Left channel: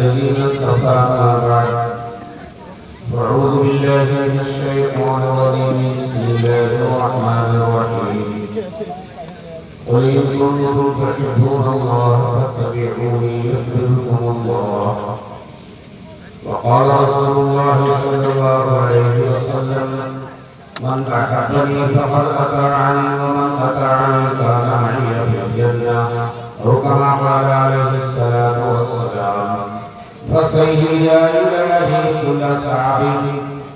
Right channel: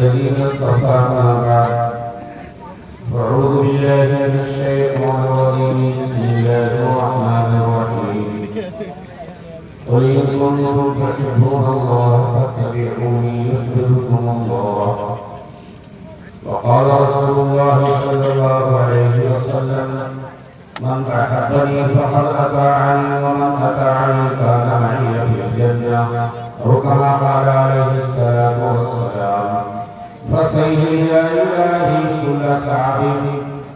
الذين اصطفى ما بعد أعوذ بالله من الشيطان الرجيم بسم الله الرحمن الرحيم قل إن كنتم تحبون الله فاتبعوني يحببكم الله وقال رسول الله صلى الله عليه وسلم من أحبني فقد أطاعني ومن أطاعني كان معي في الجنة أو كما قال عليه الصلاة والسلام فصيح يا إلهي كل صعب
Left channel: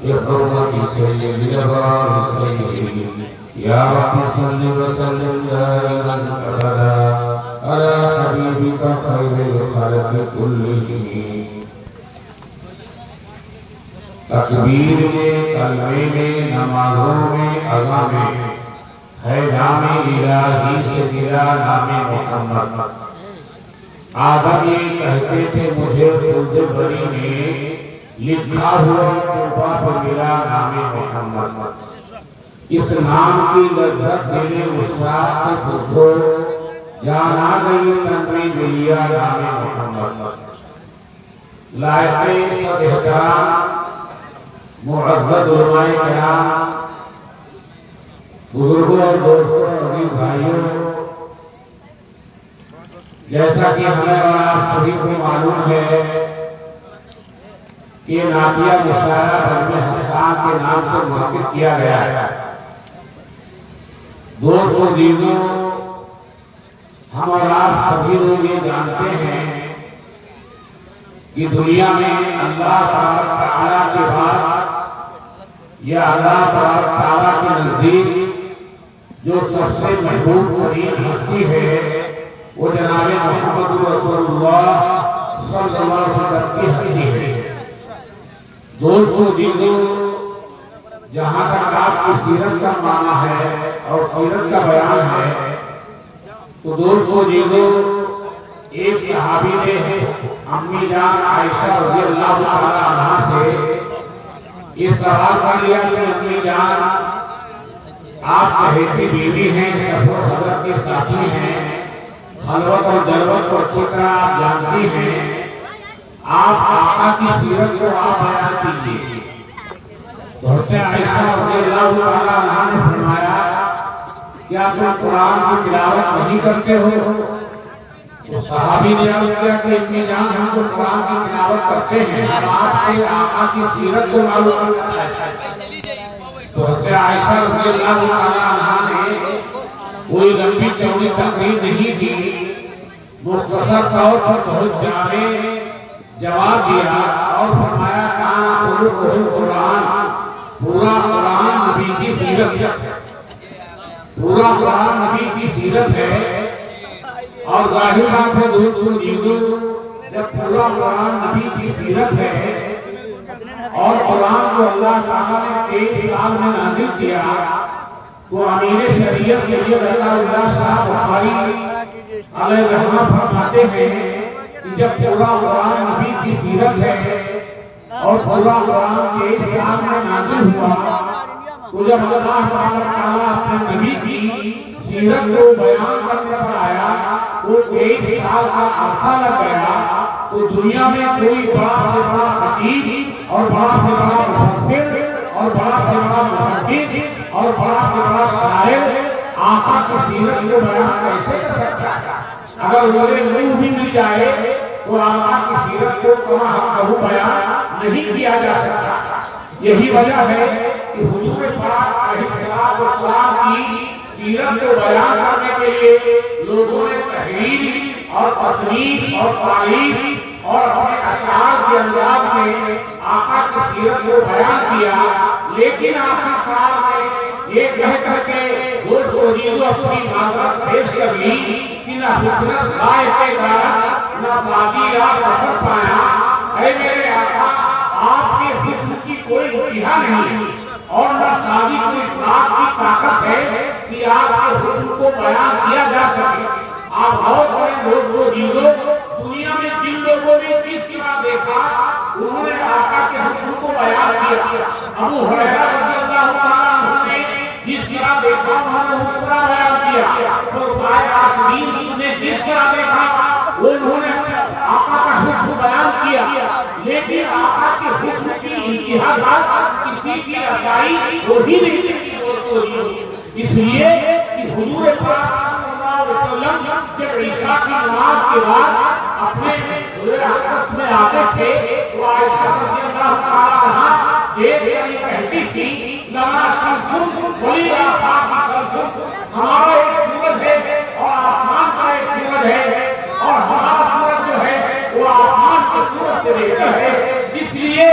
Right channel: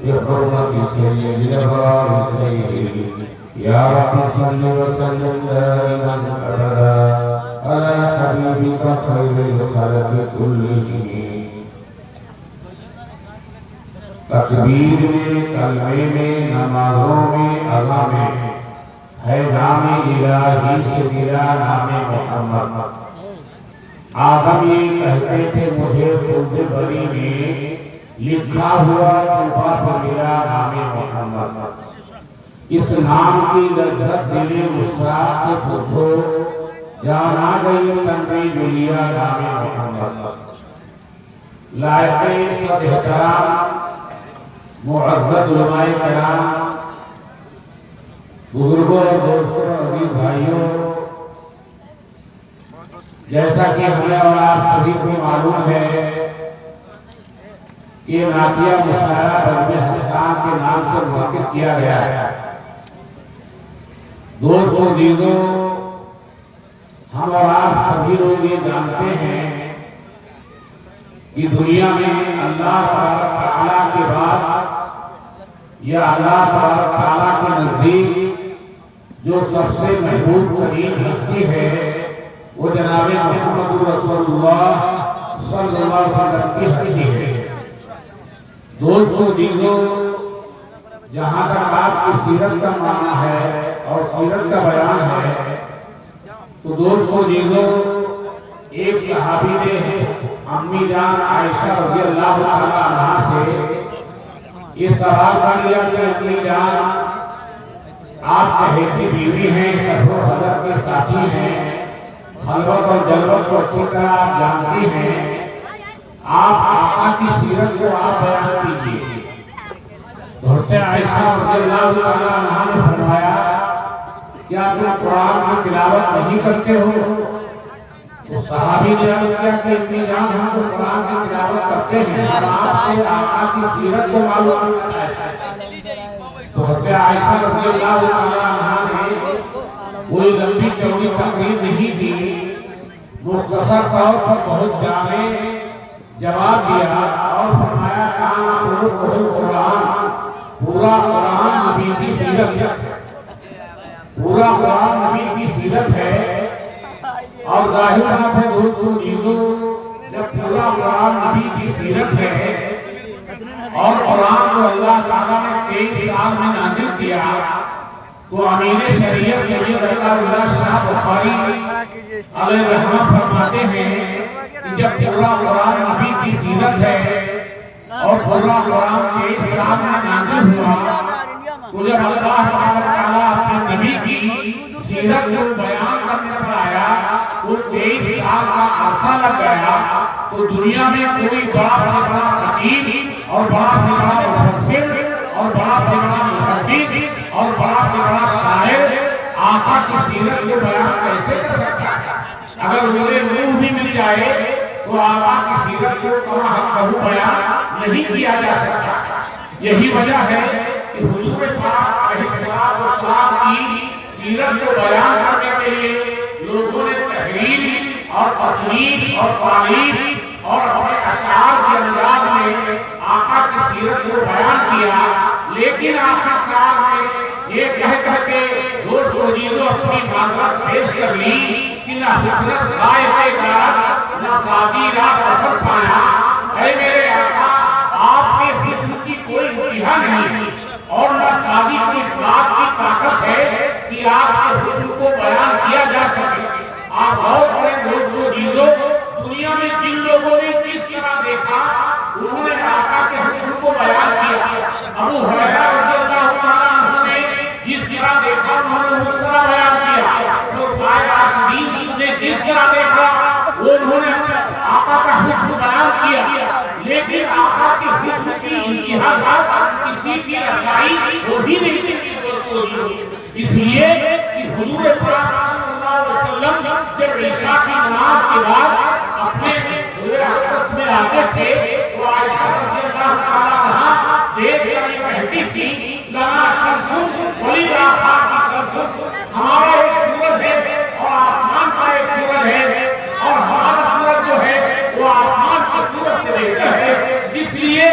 بحرمة سيد الأبرار سيدي يا رب صل وسلم دائما أبدا على حبيبك خير الخلق كلهم تکبیر میں کلمے میں نمازوں میں اذاں میں ہے نام الہی سے گرا نام محمد آدم یہ کہتے تھے مجھے خلد بری میں لکھا ہوا توبہ پر ملا نام محمد اس نام کی لذت دل وسعت سے پوچھو جان آ گئی تن میں ملیا نام محمد لائق سب احترام معزز علماء کرام بزرگوں اور دوستوں عزیز بھائیوں جیسا کہ ہمیں اور آپ سبھی کو معلوم ہے یہ نعتیہ مشاعرہ بجم حسان کے نام سے منعقد کیا گیا ہے دوستوں عزیزوں ہم اور آپ سبھی لوگ یہ جانتے ہیں کہ دنیا میں اللہ تعالیٰ کے بعد یا اللہ تعالیٰ کے نزدیک جو سب سے محبوب ترین ہستی ہے وہ جناب محمد رسول اللہ صلی اللہ علیہ وسلم کی ہستی ہے دوستو عزیزوں جہاں تک آپ کی سیرت کا معنی ہے اور سیرت کا بیان ہے تو دوستو عزیزوں ایک صحابی نے امی جان عائشہ رضی اللہ تعالیٰ عنہ سے یہ سوال کر لیا کہ امی جان آپ چہیتی بیوی ہیں سفر حضرت کے ساتھی ہیں خلوت اور جلوت کو اچھی طرح آپ جانتی ہیں آپ آقا کی سیرت کو آپ بیان کیجئے حضرت عائشہ رضی اللہ تعالیٰ عنہ نے فرمایا کیا تم قرآن کی تلاوت نہیں کرتے ہو تو صحابی نے عرض کیا کہ اتنی جان ہم تو قرآن کی تلاوت کرتے ہیں اور آپ سے آقا کی سیرت کو معلوم کرنا چاہتے ہیں تو حضرت عائشہ رضی اللہ تعالیٰ عنہ نے کوئی لمبی چوڑی تقریر نہیں دی مختصر طور پر بہت جامع جواب دیا اور فرمایا کان خلقہ القرآن پورا قرآن نبی کی سیرت ہے پورا قرآن نبی کی سیرت ہے اور ظاہر بات ہے دوستو عزیزوں جب پورا قرآن نبی کی سیرت ہے اور قرآن کو اللہ تعالیٰ نے 23 سال میں نازل کیا تو امیر شریعت سید اللہ شاہ بخاری علیہ رحمہ فرماتے ہیں کہ جب پورا قرآن نبی کی سیرت ہے اور پورا قرآن 23 سال میں نازل ہوا تو جب اللہ تعالیٰ اپنے نبی کی سیرت کو بیان کرنے پر آیا تو 23 سال کا عرصہ لگ گیا تو دنیا میں کوئی بڑا سے بڑا خطیب اور بڑا سے بڑا مفسر اور بڑا سے بڑا محدث اور بڑا سے بڑا شاعر آقا کی سیرت کو بیان کیسے کر سکتا ہے اگر میرے منہ بھی مل جائے تو آقا کی سیرت کو کما حق بیان نہیں کیا جا سکتا یہی وجہ ہے کہ حضور پاک علیہ السلام کی سیرت کو بیان کرنے کے لیے لوگوں نے تحریر اور تصنیف اور تعریف اور اپنے اشعار کے انداز میں آقا کی سیرت کو بیان کیا لیکن آخرکار میں یہ کہہ کے دوست و عزیزوں اپنی معذرت پیش کر لی کہ نہ حسنس غائب غارت نہ سادی راست سفر پایا اے میرے آقا آپ کے حسن کی کوئی انتہا نہیں اور نہ سادی کو اس بات کی طاقت ہے کہ آپ کے حسن کو بیان کیا جا سکے آپ غور کریں دوست و عزیزوں دنیا میں جن لوگوں نے کس طرح دیکھا انہوں نے آقا کے حسن کو بیان کیا ابو ہریرہ رضی اللہ تعالیٰ عنہ نے جس طرح دیکھا انہوں نے اس طرح بیان کیا خلفائے راشدین نے جس طرح دیکھا وہ انہوں نے اپنے آقا کا حسن بیان کیا، لیکن آقا کے حسن کی انتہا بات کسی کی رسائی ہو ہی نہیں سکتی دوستو۔ اس لیے کہ حضور پاک صلی اللہ علیہ وسلم جب عشاء کی نماز کے بعد اپنے حضور اقدس میں آتے تھے تو عائشہ رضی اللہ تعالیٰ عنہا دیکھ کر کہتی تھی لنا شمس ولی آفاق شمس، ہمارا ایک سورج ہے اور آسمان کا ایک سورج ہے، اور ہمارا سورج جو ہے وہ آسمان کے سورج سے بہتر ہے، اس لیے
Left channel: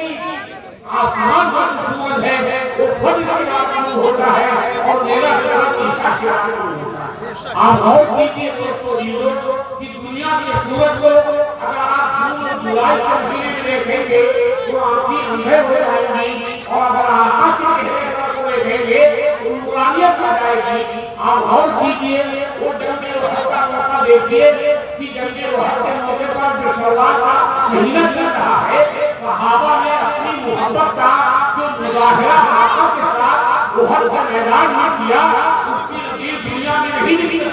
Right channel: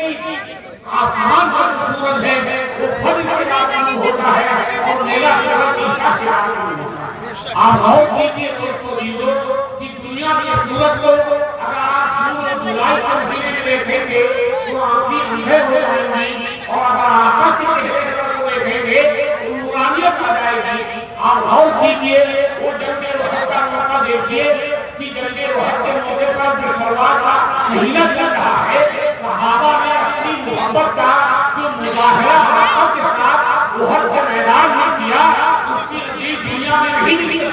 کہ آسمان کا جو سورج ہے وہ فجر کے بعد شروع ہوتا ہے اور میرا سورج عشاء سے شروع ہوتا ہے۔ آپ غور کیجئے دوستو کہ دنیا کے سورج کو اگر آپ جون اور جولائی کے مہینے میں دیکھیں گے تو آنکھیں اندھے ہو جائیں گی، اور اگر آقا کے چہرے کو دیکھیں گے تو نورانیت آ جائے گی۔ آپ غور کیجئے وہ جنگ احد کا موقع دیکھیے کہ جنگ احد کے موقع پر جو شروعات کا مہینہ چل رہا ہے، صحابہ نے اپنی محبت کا جو مظاہرہ آقا کے ساتھ احد کے میدان میں کیا، اس کی نظیر دنیا میں نہیں ملی۔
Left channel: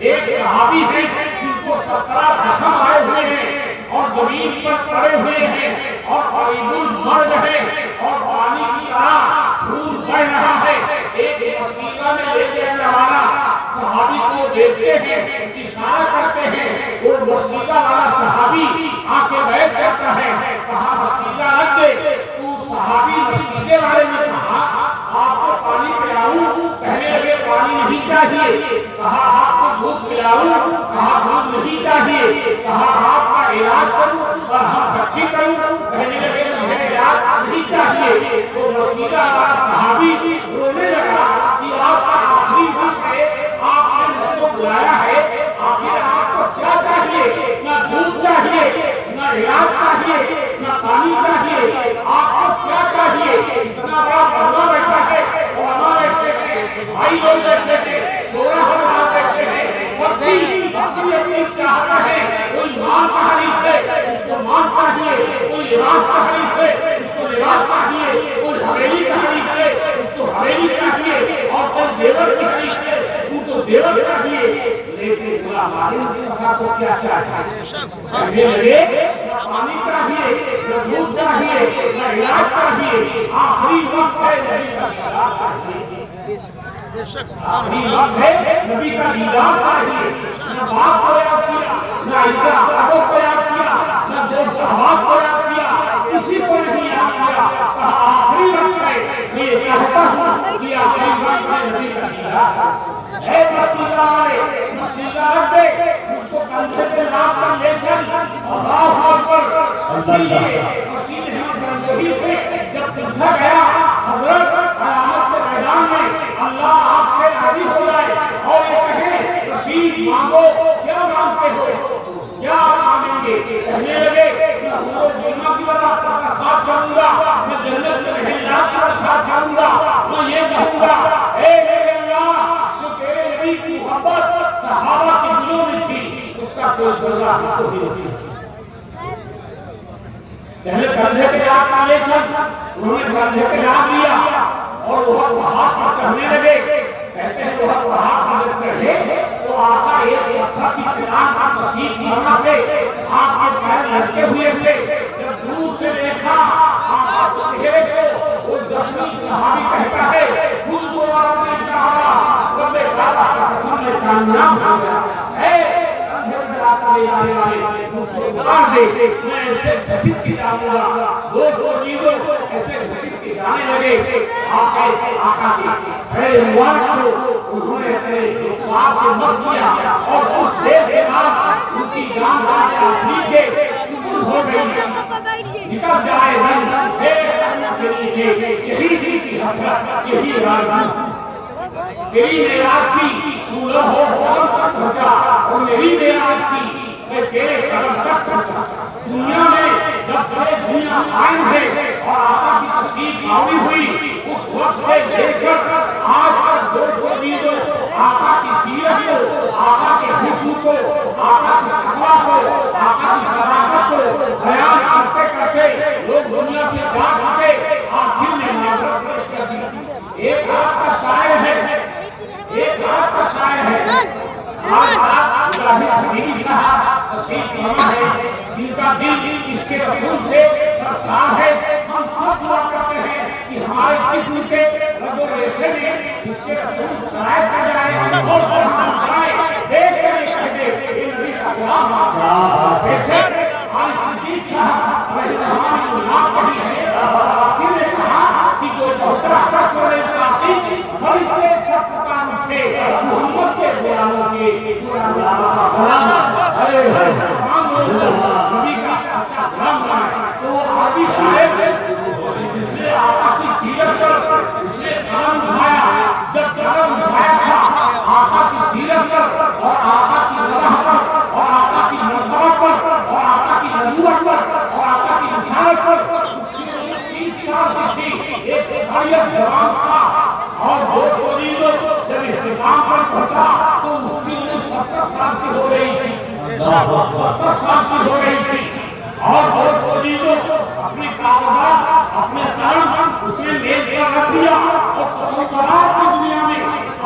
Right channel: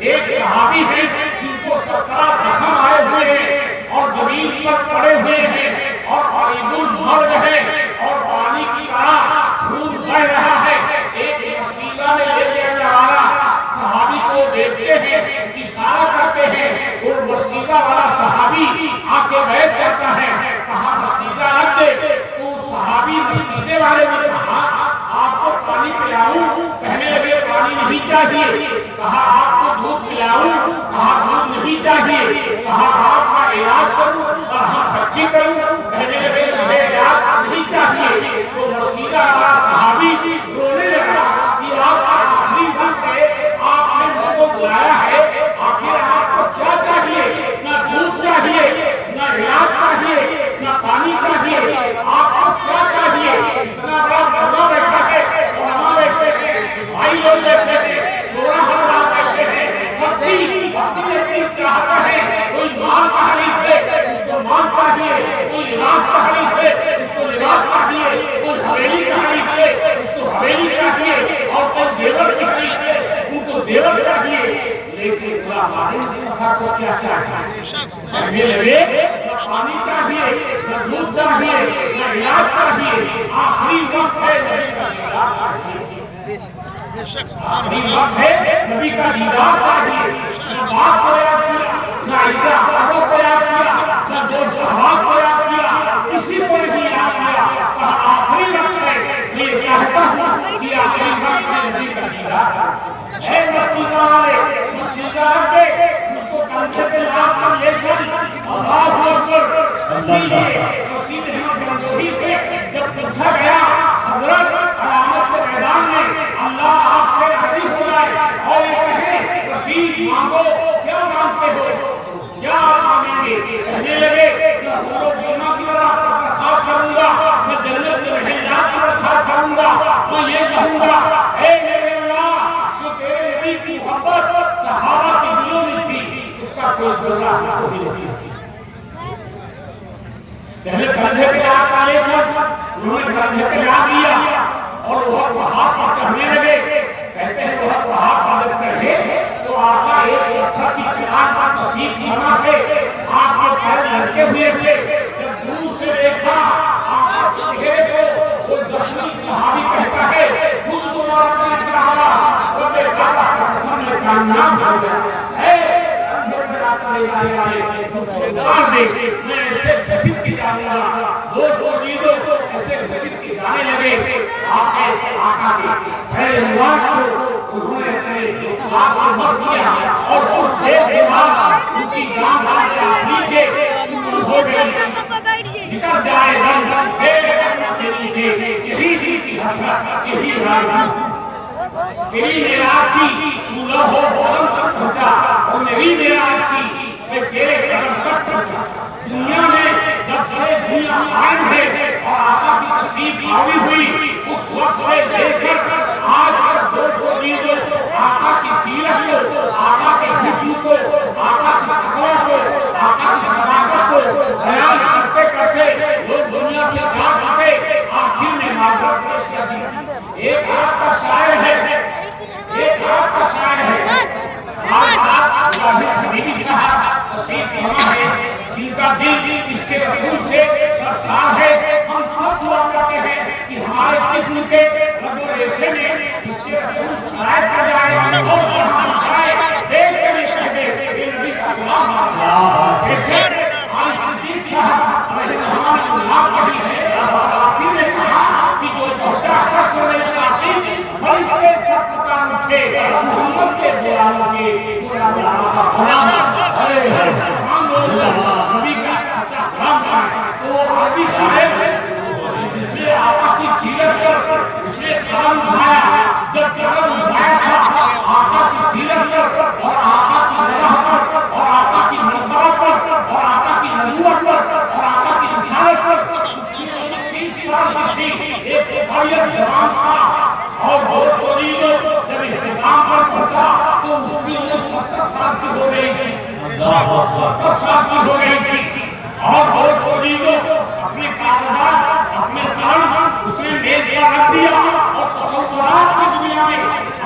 ایک صحابی ہے جن کو 17 زخم آئے ہوئے ہیں اور زمین پر پڑے ہوئے ہیں اور قریب المرگ ہے اور پانی کی طرح خون بہہ رہا ہے، ایک مشکیزہ میں لے جانے والا صحابی کو دیکھتے ہیں، اشارہ کرتے ہیں، وہ مشکیزہ والا صحابی آ کے بیٹھ جاتا ہے، کہا مشکیزہ رکھ دے، تو صحابی مشکیزے والے نے کہا آپ کو پانی پلاؤں؟ کہنے لگے پانی نہیں چاہیے۔ کہا آپ کو دودھ پلاؤں؟ کہا دودھ نہیں چاہیے۔ کہا آپ کا علاج کروں اور ہم بھٹی کروں؟ کہنے لگے مجھے علاج نہیں چاہیے۔ تو مشکیزہ والا صحابی رونے لگا کہ آپ کا آخری وقت ہے، آپ نے مجھ کو بلایا ہے، آخر آپ کو کیا چاہیے؟ نہ دودھ چاہیے، نہ علاج چاہیے، نہ پانی چاہیے، آپ کو کیا چاہیے؟ اتنا بڑا بڑا بیٹھا ہے، علماء بیٹھے ہیں، بھائی لوگ بیٹھے ہیں، شورا حضرات بیٹھے ہیں، سب کی اپنی اپنی چاہتا ہے، کوئی مال کا حریص ہے اس کو مال چاہیے، کوئی لباس کا حریص ہے اس کو لباس چاہیے، کوئی حویلی کا حریص ہے اس کو حویلی چاہیے، اور کوئی زیور کی حریص ہے ان کو زیور چاہیے۔ لیکن اللہ مصطفیٰ کو کیا چاہیے؟ کہنے لگے نہ پانی چاہیے، نہ دودھ چاہیے، نہ علاج چاہیے، آخری وقت ہے نبی کا دیدار چاہیے، آخری وقت ہے نبی کا دیدار چاہیے۔ نہ باپ کو یاد کیا، نہ عزت احباب کو یاد کیا، نہ دوست احباب کو یاد کیا، کسی کو نہیں یاد کیا، کہا آخری وقت ہے، میں یہ چاہتا ہوں کہ آخری وقت ہے نبی کا دیدار۔ اے مشکیزہ والے، مشکیزہ رکھ دے، اس کو کندھے پہ لاکھ کر لے چل، اللہ اکبر۔ اسی لیے مسیح احمد گنگوہی سے جب پوچھا گیا حضرت قیامت کے میدان میں اللہ آپ سے راضی ہو جائے اور یہ کہے رشید مانگو، کیا مانگتے ہو؟ کیا آپ مانگیں گے؟ کہنے لگے میں حور و غلامہ کی طرح آپ کا درخواست کروں گا، میں جنت کے محلات کی درخواست کروں گا، میں یہ کہوں گا اے میرے اللہ جو تیرے نبی کی محبت صحابہ کے دلوں میں تھی اس کا کوئی ذرہ ہم کو بھی نصیب کیا۔ پہلے کندھے پہ یاد کالے چل، انہوں نے کندھے پہ یاد لیا اور وہ پہاڑ پر چڑھنے لگے۔ کہتے ہیں وہ پہاڑ پر جب چڑھے تو آقا ایک پتھر کی چٹان پر نصیب فرما تھے، آپ کے پیر لٹکے ہوئے تھے۔ جب دور سے دیکھا آقا کے چہرے کو، وہ زخمی صحابی کہتا ہے خود دوبارہ نے کہا رب تعالیٰ کا قسم میں کامیاب ہو گیا۔ اے کندھے پہ آقا لے آنے والے مجھ کو اتار دے، میں ایسے جسد کی جانوں گا۔ دوستو چیزوں ایسے جسد کی جانے لگے۔ آقا کے پہلے مبارک کو انہوں نے اپنے ساتھ سے مس کیا اور اس دیر کے بعد ان کی جان جانے آخری کے ہو گئی، نکل جائے دم کے نیچے، یہی دل کی حسرت، یہی رائے تیری معراج کی تو لوح و قلم تک پہنچا اور میری معراج کی میں تیرے قدم تک پہنچا۔ دنیا میں جب سے دنیا قائم ہے اور آقا کی تشریف آوری ہوئی اس وقت سے لے کر آج تک دوستو عزیزو آقا کی سیرت کو، آقا کے حسن کو، آقا کی تقویٰ کو، آقا کی صداقت کو بیان کرتے کرتے لوگ دنیا سے جا چکے، آخر میں معذرت پیش کر دی۔ ایک عرب کا شاعر ہے، ایک عرب کا شاعر ہے ہمارے ساتھ ابراہیم حبیبی صاحب تشریف فرما ہے، جن کا دل اس کے رسول سے سرشار ہے، ہم سب دعا کرتے ہیں کہ ہمارے جسم کے رگ و ریشے میں اس کے رسول سرایت کر جائے اور جہاں جائے دیکھ کر یہ کہہ دے کہ نبی کا غلام ہے۔ جیسے خالد صدیق صاحب علیہ الرحمٰن نے نام کہی ہے، آخر نے کہا کہ جو بہتر شخص ہونے ساتھی فرشتے سب پکان اٹھے محمد کے غلاموں کے غلام نبی کا سچا غلام ہے۔ تو عربی شاعر اس نے آقا کی سیرت پر اس نے قلم اٹھایا، جب قلم اٹھایا تھا آقا کی سیرت پر اور آقا کی راہ پر اور آقا کی مرتبہ پر اور آقا کی نبوت پر اور آقا کی رسالت پر اس کی 30 سال کی تھی، ایک حریت جوان تھا اور دوست عزیزوں جب اختتام پر پہنچا تو اس کی عمر 70 سال کی ہو رہی تھی، 70 سال کی ہو رہی تھی اور دوست عزیزوں اپنے کاغذات اپنے قلم اس نے میز پر رکھ دیا اور تصورات کی دنیا میں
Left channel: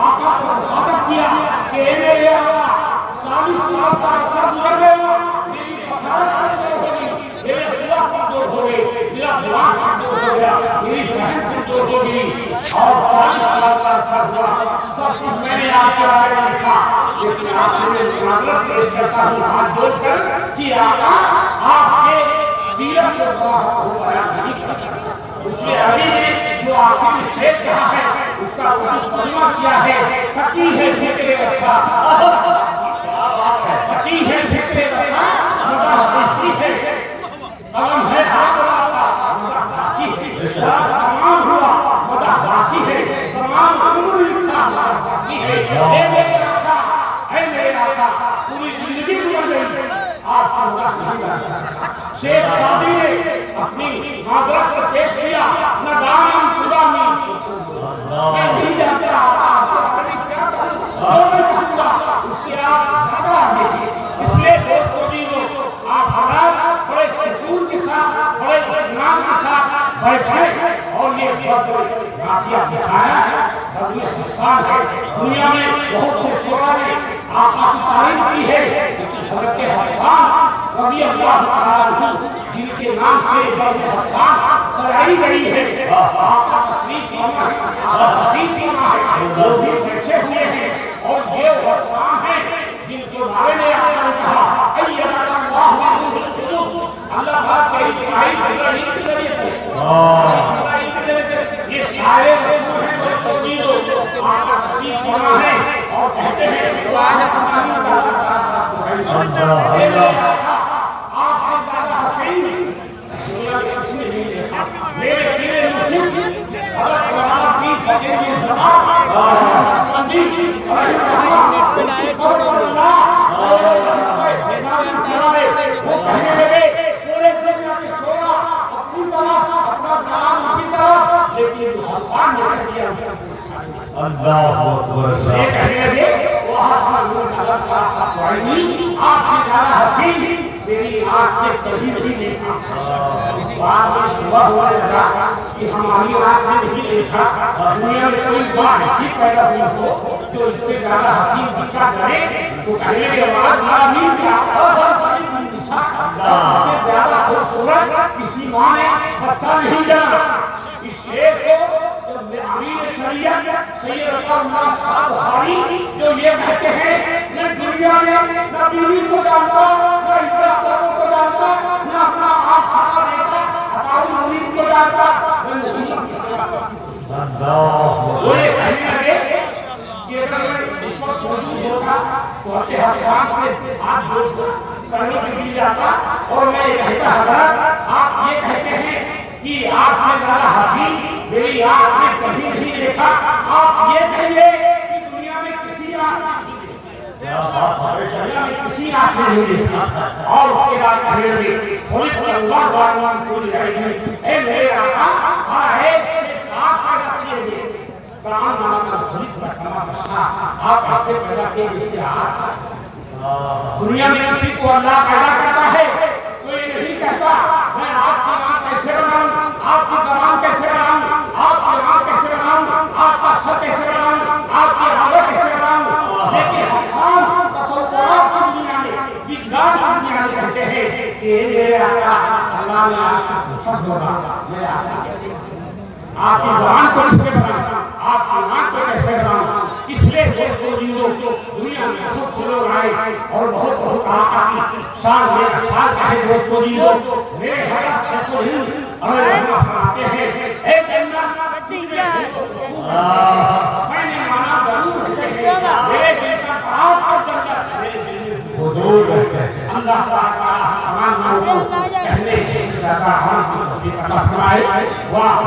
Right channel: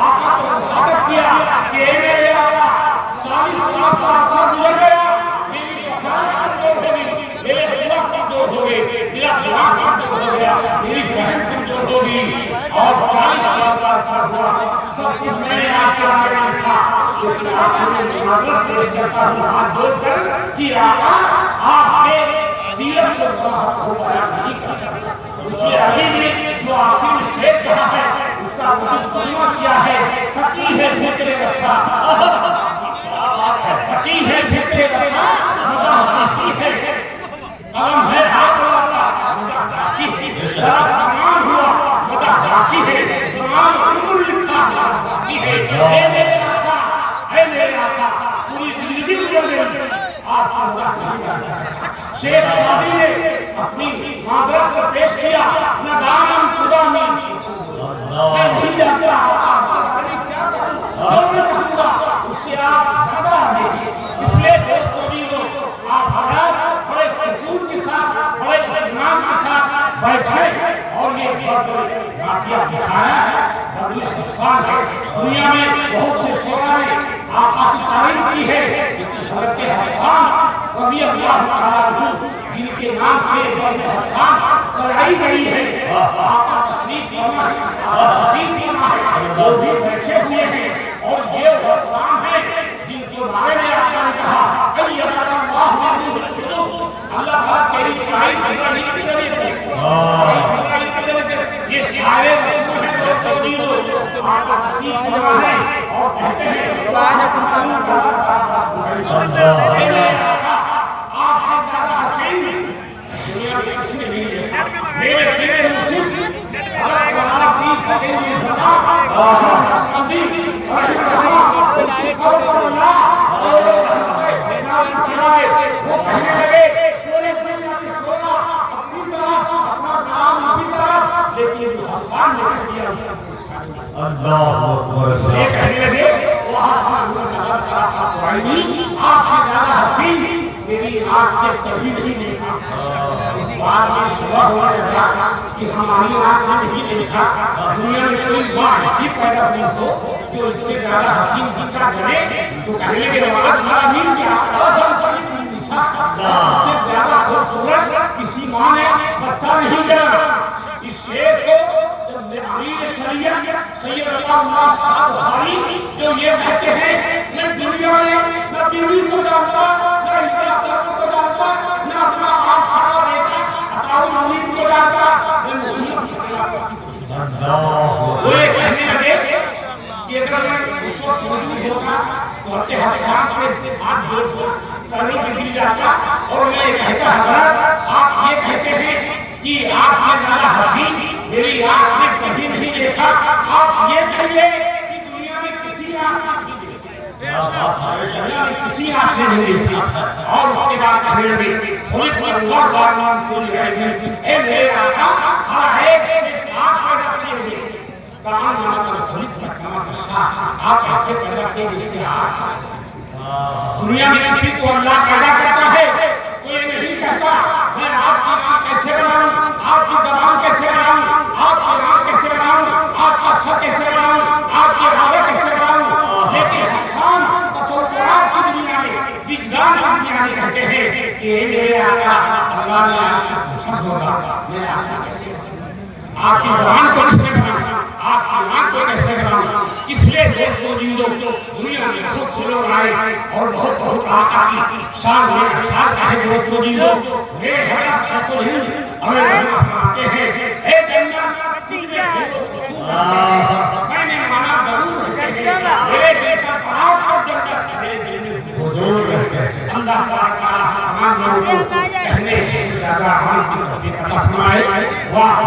آقا کو ثابت کیا کہ اے میرے آقا 40 سال کا عرصہ گزر گیا، میری بصارت کمزور ہو گئی، میرے دعا کمزور ہو گئے، میرا دماغ کمزور ہو گیا، میری ذہن کمزور ہو گئی اور 40 سال کا عرصہ ہوا، سب کچھ میں نے آپ کے بارے میں لکھا، لیکن آپ سے میں معذرت پیش کرتا ہوں ہاتھ جوڑ کر کہ آقا آپ کے سیرت کو گواہ ہو بیان نہیں کر سکتا۔ اس نے علی نے جو آخر میں شعر کہا ہے اس کا ترجمہ کیا ہے، فقیہ ہے ذکر رسا، فقیہ ہے ذکر رسا مدح باقی ہے، قلم ہے ہاتھ لاتا مدح باقی ہے، تمام ہوا مدح باقی ہے، تمام عمر لکھا مدح باقی ہے۔ اے میرے آقا، اے میرے آقا، پوری زندگی گزر گئی آپ کا مدح نہیں کرتا۔ شیخ سعدی نے اپنی معذرت کو پیش کیا، نہ دامن خدا میں میں نہیں جانتا کیا کروں اور میں چاہوں گا اس کی آپ زیادہ آگے، اس لیے دوست عزیزوں آپ حضرات بڑے سکون کے ساتھ بڑے اطمینان کے ساتھ بیٹھے اور یہ واقعہ بچھایا ہے، بزم حسان ہے۔ دنیا میں بہت سے شعراء نے آقا کی تعریف کی ہے، لیکن حضرت حسان رضی اللہ تعالیٰ عنہ جن کے نام سے بزم حسان سجائی گئی ہے، آقا تشریف فرما ہے، آقا تشریف فرما ہے، وہ بھی بیٹھے ہوئے ہیں اور یہ حسان ہیں جن کے بارے میں آقا نے کہا ایدک اللہ بالروح القدس، اللہ تعالیٰ تیری تعریف جبرائیل کے ذریعے کی، جبرائیل کے ذریعے یہ سارے رسول ہیں آقا تشریف فرما ہے اور کہتے ہیں آپ سے زیادہ حسین دنیا میں کسی نے نہیں دیکھا، میرے پیرے مرشد حضرت مولانا پیر فقیر بن سردار احمد حسنی رحمہ اللہ ان کی قبر پر ملا اور وہ کہنے لگے پورے دنیا کی شورا اپنی طرف اپنا کلام اپنی طرف، لیکن جو حسان نے کہہ دیا اللہ اکبر، یہ کہنے لگے وہ حسان آپ سے زیادہ حسین میری آنکھ نے کبھی نہیں دیکھا۔ بعد میں صبح ہوا لگا کہ ہماری آنکھ نے نہیں دیکھا، دنیا میں کوئی ماں ایسی پیدا ہوئی ہو جو اس سے زیادہ حسین بچہ جنے تو کہنے لگے آج ہمارا مین کیا اس سے زیادہ خوبصورت کسی ماں نے بچہ نہیں جنا۔ اس شعر کو امیر شریعت سید اللہ شاہ بخاری جو یہ کہتے ہیں میں دنیا میں نہ بیوی کو جانتا نہ عزت کو جانتا نہ اپنا آپ سگا بیٹا عطاء المرید کو جانتا، میں محمد کی سنا کرتا ہوں۔ وہ یہ کہنے لگے کہ اگر میں اس وقت موجود ہوتا تو ہر کے حسان سے ہاتھ جوڑ کر کرنے کے لیے جاتا اور میں یہ کہتا حضرت آپ یہ کہتے ہیں کہ آپ سے زیادہ حسین میری آنکھ نے کبھی نہیں دیکھا، آپ یہ کہیے کہ دنیا میں کسی آنکھ نے نہیں دیکھی اور اس کے بعد کہنے لگے خلق اللہ بارمان کوئی ہے نہیں، اے میرے آقا کھڑا ہے آنکھ پیدا کیے ہوئے قرآن نامہ کا خلق کا کما کا شاہ آپ ایسے پیدا کیے جس سے آنکھ دنیا میں کسی کو اللہ پیدا کرتا ہے تو یہ نہیں کہتا میں آپ کی آنکھ کیسے بناؤں، آپ کی زبان کیسے بناؤں، آپ کی آنکھ کیسے بناؤں، آپ کا سر کیسے بناؤں، آپ کی آواز کیسے بناؤں، لیکن حسان تصورات کی دنیا میں وجدان کی دنیا میرے آقا اللہ نے آپ سے پوچھا ہوگا میرے آقا کیسے آپ کی زبان کو کیسے بناؤں آپ کی آنکھ کو کیسے بناؤں اس لیے دوستوں جیزوں دنیا میں بہت سے لوگ آئے اور بہت بہت آقا کی شان میں شان کا ہے دوستوں جیزوں میرے حضرت شیخ الہند ہمیں رحمہ فرماتے ہیں اے جنت میں نے مانا ضرور ہے میرے جیسا آپ کو جنت میرے دل میں حضور رہتے ہیں اللہ تعالیٰ رحمان میں کہنے زیادہ عمل کی توفیق عطا فرمائے واہ